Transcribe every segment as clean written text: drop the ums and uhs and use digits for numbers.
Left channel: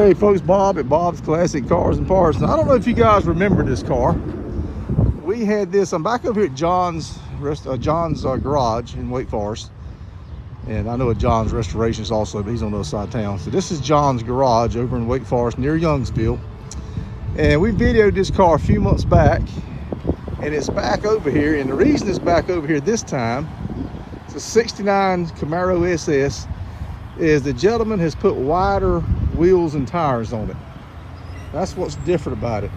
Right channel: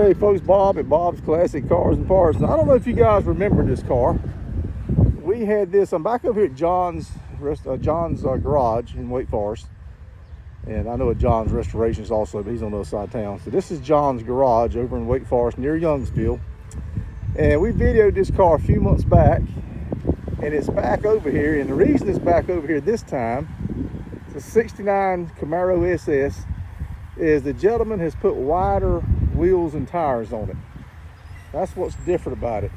Hey folks, Bob at Bob's Classic Cars and Parts. I don't know if you guys remember this car. We had this, I'm back over here at John's garage in Wake Forest. And I know John's Restorations also, but he's on the other side of town. So this is John's garage over in Wake Forest near Youngsville. And we videoed this car a few months back. And it's back over here. And the reason it's back over here this time, it's a 69 Camaro SS, is the gentleman has put wider wheels and tires on it. That's what's different about it.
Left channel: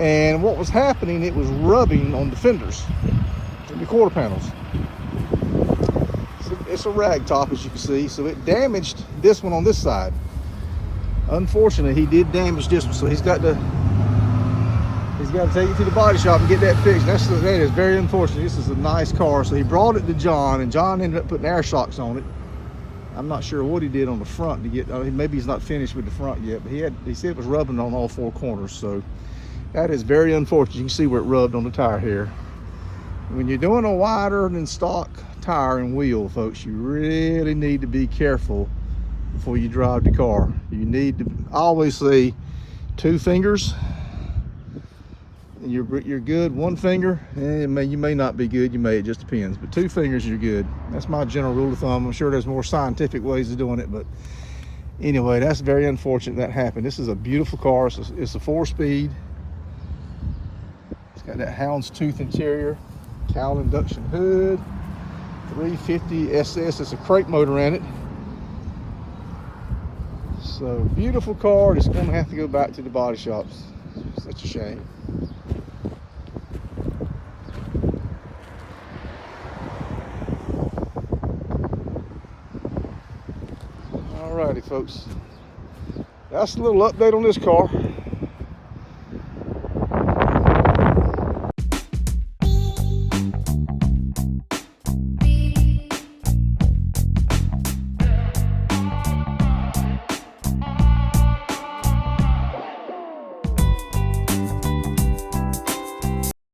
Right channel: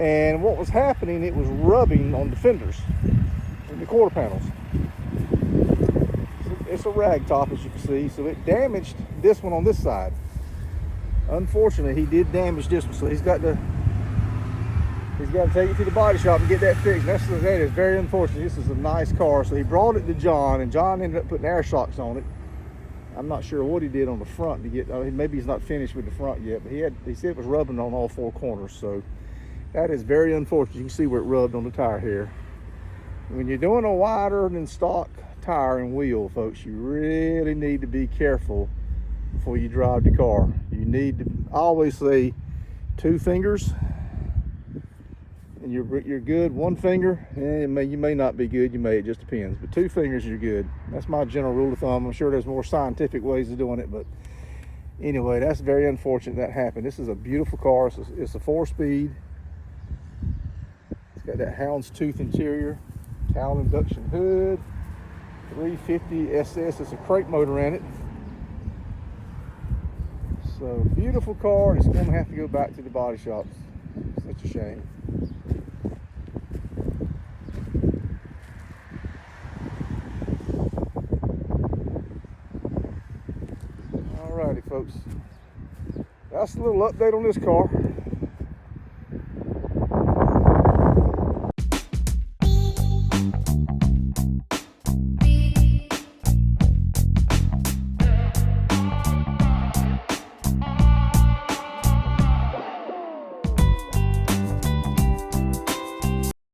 And what was happening, it was rubbing on the fenders, the quarter panels. It's a rag top, as you can see, so it damaged this one on this side. Unfortunately, he did damage this one, so he's got to take it to the body shop and get that fixed. That is very unfortunate. This is a nice car, so he brought it to John, and John ended up putting air shocks on it. I'm not sure what he did on the front to get, I mean, maybe he's not finished with the front yet, but he said it was rubbing on all four corners, so that is very unfortunate. You can see where it rubbed on the tire here. When you're doing a wider than stock tire and wheel, folks, you really need to be careful before you drive the car. You need to, I always say, 2 fingers, and you're good. 1 finger, you may not be good, it just depends, but 2 fingers, you're good. That's my general rule of thumb. I'm sure there's more scientific ways of doing it, but anyway, that's very unfortunate that happened. This is a beautiful car. It's a 4-speed. It's got that houndstooth interior, cowl induction hood, 350 SS. It's a crate motor in it. So beautiful car. It's going to have to go back to the body shops. It's such a shame. Alrighty, folks. That's a little update on this car.